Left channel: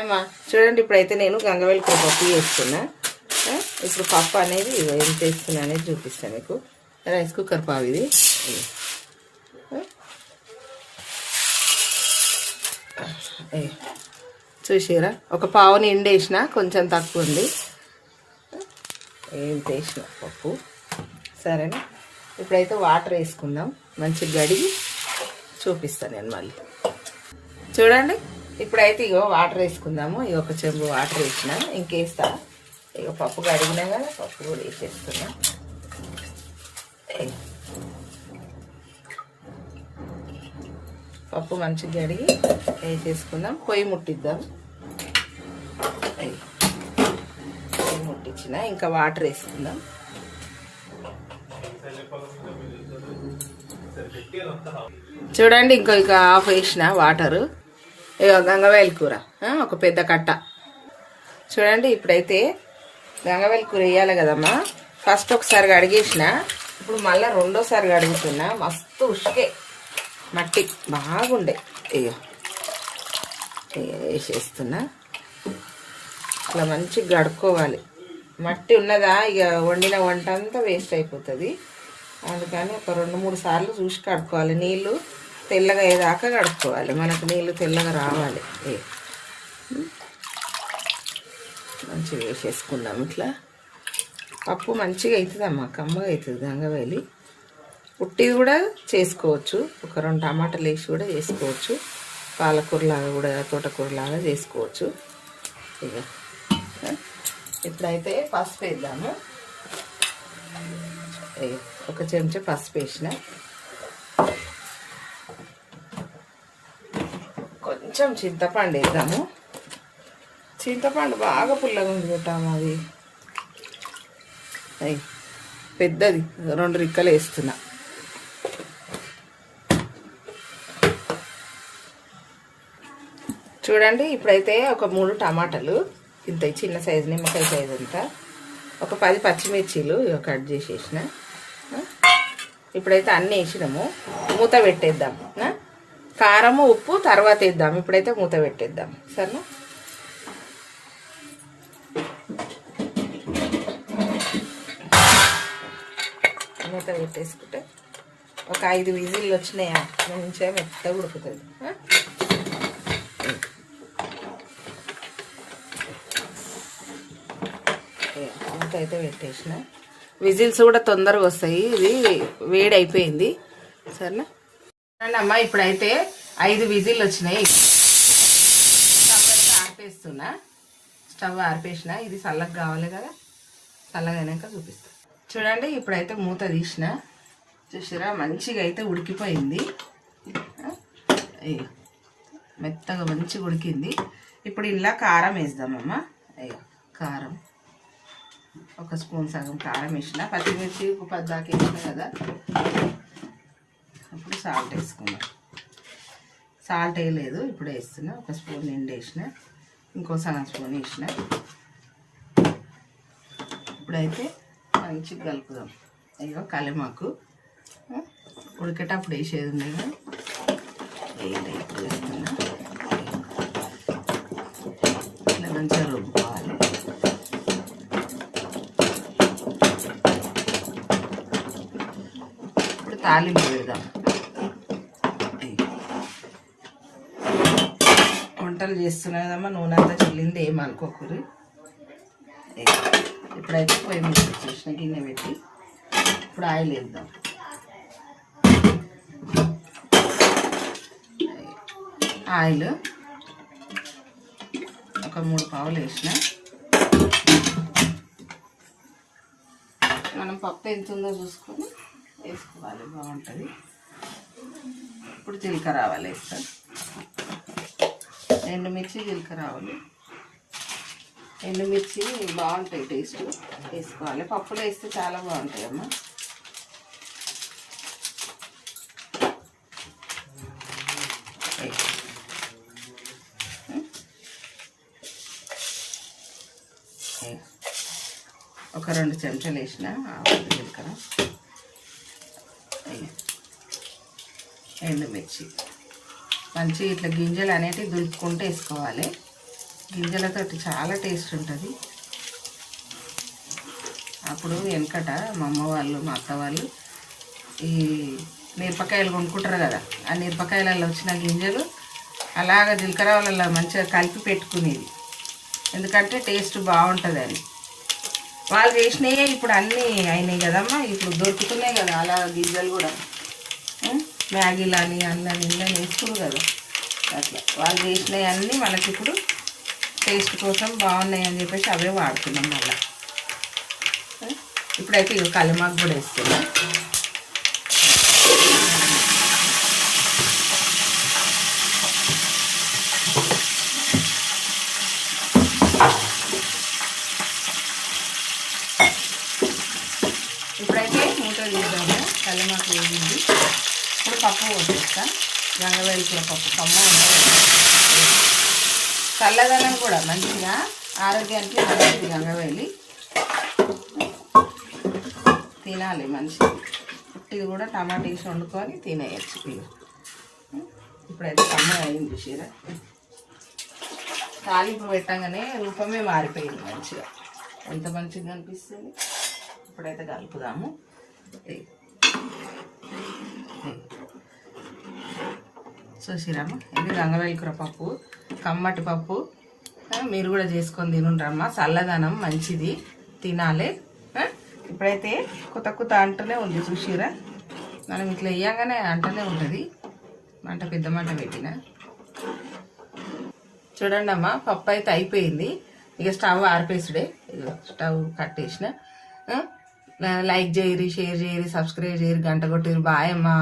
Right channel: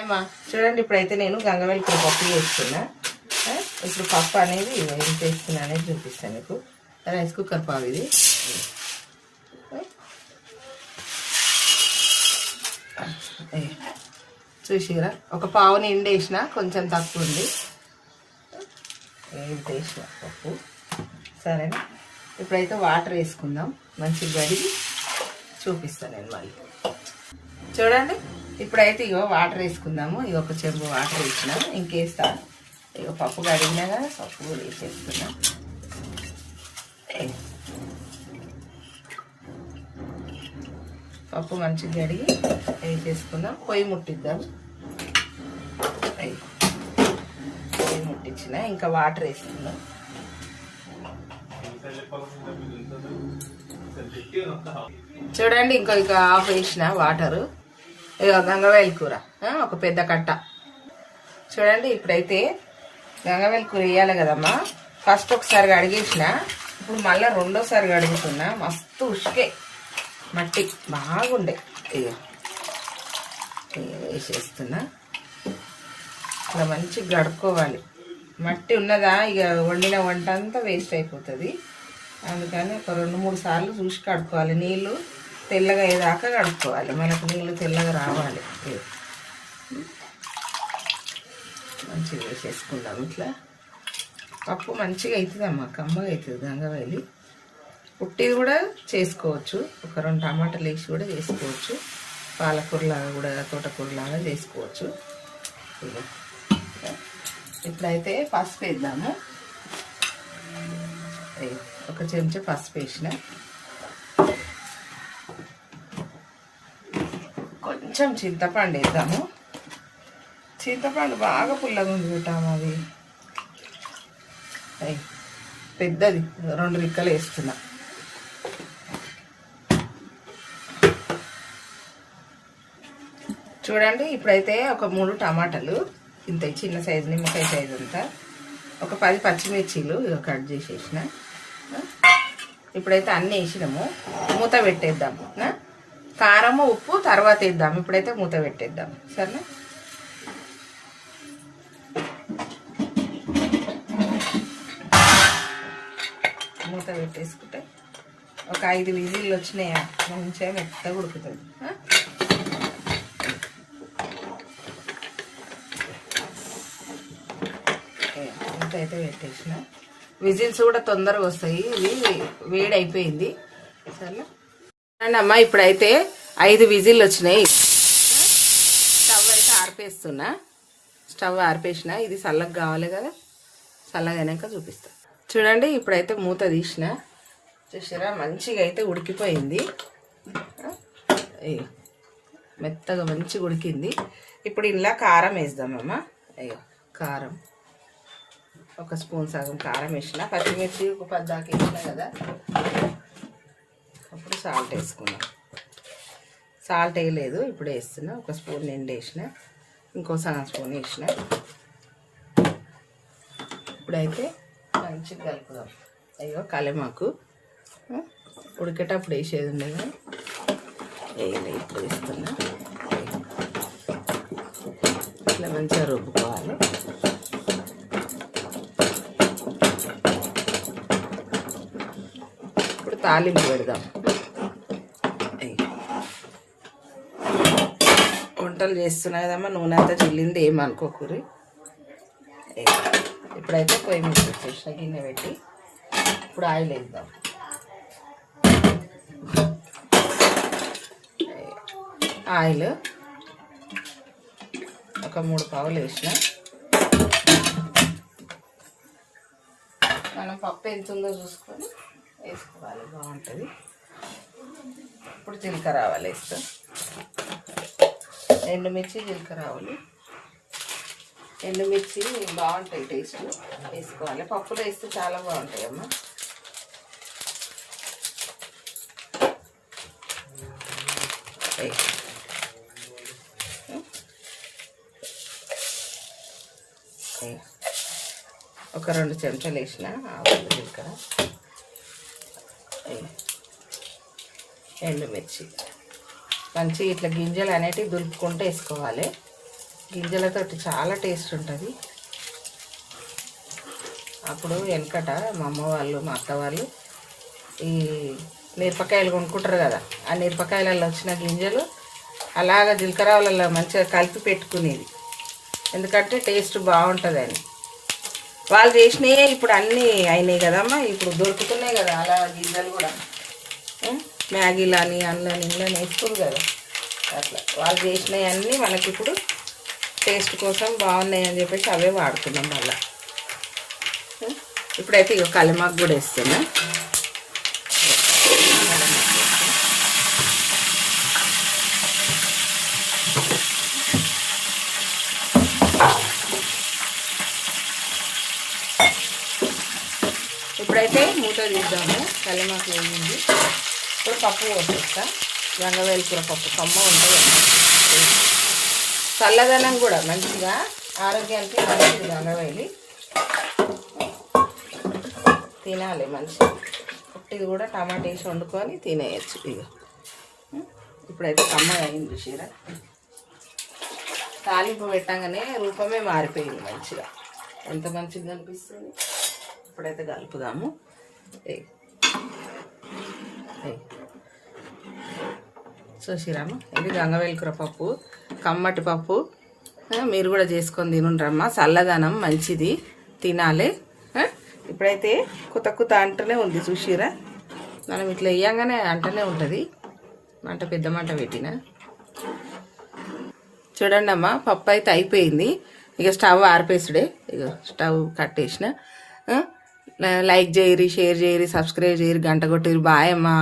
అమ్మా చూడండి, ఇప్పుడైతే నేను గంగవెల్లిపాయ పప్పు చేస్తున్నా. ఇప్పుడు పప్పు అనేది ఏం చేస్తున్నా అనేది చూపిస్తాను మీకు. రైస్ కుక్కర్ పావు ఇది. చూసారా, ఒక పావు నిండి వేసిన, కొంచెం తక్కువ ఉంది. ఏం వేసిన పప్పు. సరేనా, ఇప్పుడైతే వాటర్ వేసుకుందాం. మంచిగా గడిగి చూపిస్తాను నేను మళ్ళీ. చూడండి, ఇప్పుడైతే ఇగో వాటర్ వేసుకుందాము. ఇక ఒక చెంబు వాటర్ వేసినా, ఇంకేస్తా. ఇక పప్పు కడిగినా కదా, పప్పు కూడా వేసేస్తున్నా. పప్పు మంచిగా కడిగి వేసేసుకుందాం. పొయ్యి ముట్టిద్దాం. పొయ్యి ముట్టించిన, ఇంకా వాటర్ వేసుకుందాం. చూడండి, ఇంకొక హాఫ్ వేసిన వాటరు. గంగవాయల కూర ఒక పెద్ద కట్ట. చూడండి, ఇప్పుడైతే గంగవాయల కూర వేయాలి కదమ్మా. ఫస్ట్ ఒకసారి కడిగేసిన, ఇప్పుడు మళ్ళీ రెండోసారి కడుగుతున్నా. మస్తు ఉసుకే మట్టి బాగుండే. వేసేస్తున్నా. ఇట్లా మంచిగా గడుక్కోవాలి. మట్టి ఉన్నదా ఇక వండిన వంట అంతా వేస్ట్ అయిపోతుంది. అందుకని ఒక 2-3 సార్లు చూసి కడుక్కోవాలి. నీళ్ళు తెల్లగా అయ్యేదాకా కడుక్కోవాలి. మనకు నీళ్ళు తెల్లగా రావాలి. మంచిగా వేసేసుకుందాం. ఇట్లా పప్పు మంచిగా అవుతుందమ్మా, కమ్మగా అవుతుంది. గంగవాయలి పుట్టిది కూడా చేసుకోవచ్చు. ఒక 2 టమాటాలు వేసి కూడా చేసుకోవచ్చు. పాలకూరలాగా కూడా, తోటకూరలాగా చేసుకోవచ్చు. ఇక ఇప్పుడైతే పసుపు వేద్దాము. ఒక చెంచా పసుపు వేసిన, కొంచెం చింతపండు వేద్దాము. చింతపండు బాగా పుల్లగా ఉంది పెట్టాము. అది పెద్దది 2 రిక్కలు వేస్తున్నా. చూడండి, ఇప్పుడైతే ఒక 3 టమాటాలు, ఇంత చిన్న సైజు నిమ్మకాయ సైజు అంతా, ఒక 10 పచ్చిమిర్చీలు కట్ చేసేసిన. ఇప్పుడైతే అన్నీ వేసినాము. మూత పెట్టేద్దాం. కారము ఉప్పు తర్వాత వేద్దాం. ఇప్పుడైతే మూత పెట్టేద్దాం. సరేనా, మూత పెట్టేసుకుంటే ఒక 5 విజిల్లు వచ్చినాయా, మంచిగా మెత్తగా ఉడుకుతుంది. మూత అయితే పెట్టేసిన. విజిల్స్ కూడా తొందరగా వస్తాయి. ఇది వేడి అయిపోయింది. సరేనా అమ్మా, ఇప్పుడైతే 5 విజిల్లు వచ్చినాయి. స్టవ్ అయితే ఆర్పేస్తున్నా. స్టవ్ ఆర్పేసిన. ఇది చల్లగా కావాలి కదా, చల్లగా అయినాక చూపిస్తా. చూడండి, ఇప్పుడైతే మూత తీసిన. చూసారా, మంచిగా అయితే ఉడికిపోయింది. మెత్తగా మంచిగా ఉడికింది. ఇప్పుడు ఇలా కారం వేద్దామమ్మా. అయ్యో, కారం ఒక స్పూన్ సగం కారం వేసిన. పచ్చిమిర్చి ఒక 10 దాకా వేసిన కదా. అప్పుడు సాల్ట్ వేసుకున్నాం. సాల్ట్ వేయలేదు, ఇప్పుడు వేస్తున్నా. ఒక స్పూన్ నిండి వేసిన, ఇంకో సగం స్పూన్ వేసిన. ఇప్పుడైతే మంచిగా కలుపుదాం. అయ్యో, కలిమాకు ఉడికేటప్పుడు వేసేది ఉండేది, వేయలేదు. ఇప్పుడు వేస్తున్నా. ఇట్లా మంచిగా రుబ్బుకోవాలి. ఇప్పుడు తాలింపు పెడదాం. వంటలు చేస్తున్నా కదమ్మా, నూనె అంతా చల్లింది, ఏమనుకోకూరి. ఇప్పుడైతే పొయ్యి మీద వచ్చేసిన గిన్నె పెట్టి ఇప్పుడు ఆయిల్ వేద్దాం. ఆయిల్ ఒక 3 పావులు వేసిన. మనం పప్పు ఎంత ఉందో చూసుకొని వేసుకోవాలి, బాగుంటుంది. ఇప్పుడు జీలకర్ర ఆవాలు వేస్తాం. ఎండుమిర్చి, జీలకర్ర ఆవాలు. ఎండుమిర్చి బాగుంటాయి, టేస్ట్ వేసుకోవాలి. పప్పులో వేస్తే చాలా బాగుంటాయి అమ్మ. ఒక 2 చెంచాలు వేసిన ఆవాలు, జీలకర్ర, ఎండుమిర్చి. మంచిగా ఇట్లా గింజలు అనేటివి దులుపుకుంటూ వేసుకోవాలి. గింజలతోటి చాలా టేస్ట్ ఉంటుంది. అప్పుడు వెనకట మా అమ్మ వాళ్ళు మా అత్త వాళ్ళు ఈ మిరపకాయలు కొనుక్కుంటారు కదా, ఆ మిరపకాయలలో వచ్చిన గింజలు అలాగ జీలకర్రలలో మంచిగా కలిపి పెట్టుకునేది, ఎందుకంటే టేస్ట్ బాగుంటుందని. వాళ్ళు చేసినవి ఇప్పుడు అన్నీ అయినాయి కదమ్మా, ఇప్పుడు దొరుకుతున్నాయి కదా అలా గింజలు కూడా. మ్యాగీలు అని అల్లని ఇళ్ళని వేసుకోరు కదా, అట్లా వాళ్ళు చేసినవి అన్నీ మనకి ఇప్పుడు టేస్ట్ కోసం బాగున్నాయి అని చెప్పేసి అవే వాడుతున్నాం మళ్ళీ. ఇప్పుడైతే ఇక కలమాకు కూడా వేస్తున్నా. ఇప్పుడైతే మూత తీద్దాము. కలమాకు వేయింది. ఇప్పుడు పప్పు పోసేస్తా. గంగవేలి కూర పప్పు కమ్మ ఉంటుంది, చల్లదనం కూడా మంచిగా, ఆరోగ్యానికి మంచిది. గంగవేలి తినాలి మంచిగా. పుట్టిది కూడా టమాటా వేసి వండుకొని తినేయచ్చు. ఇక ఇప్పుడైతే కమ్మ అయింది చూసిరా. తాలింపు పెట్టగానే రూపమే మారిపోయింది మంచిగా, ఎంత మంచిగా అనిపిస్తుంది. ఇప్పుడైతే కలుపుదాము. చూసిరాము, ఇది గంగవేలి కూర పప్పు, కమ్మటి పప్పు. మీరు కూడా చేసుకొని తినుండ్రమ్మా, చల్లదనం మంచిది, తినాలి. ఇప్పుడైతే కొత్త కొత్త అంటనే ఉంది చూసిరా. మనం ఇట్లా వేయంగానే అంటనే ఉంటుంది. మంట పెద్ద మంట పెట్టిన చూడండి అమ్మా. పప్పు అయితే అయిపోయింది. ఇక స్టవ్ ఆర్పేసుడే. ఇక స్టవ్ కట్టేసిన. లైక్ చేయరి, షేర్ చేయరి, సబ్స్క్రైబ్ చేయరి, గంట కొట్టిరి. బాయ్ అమ్మా.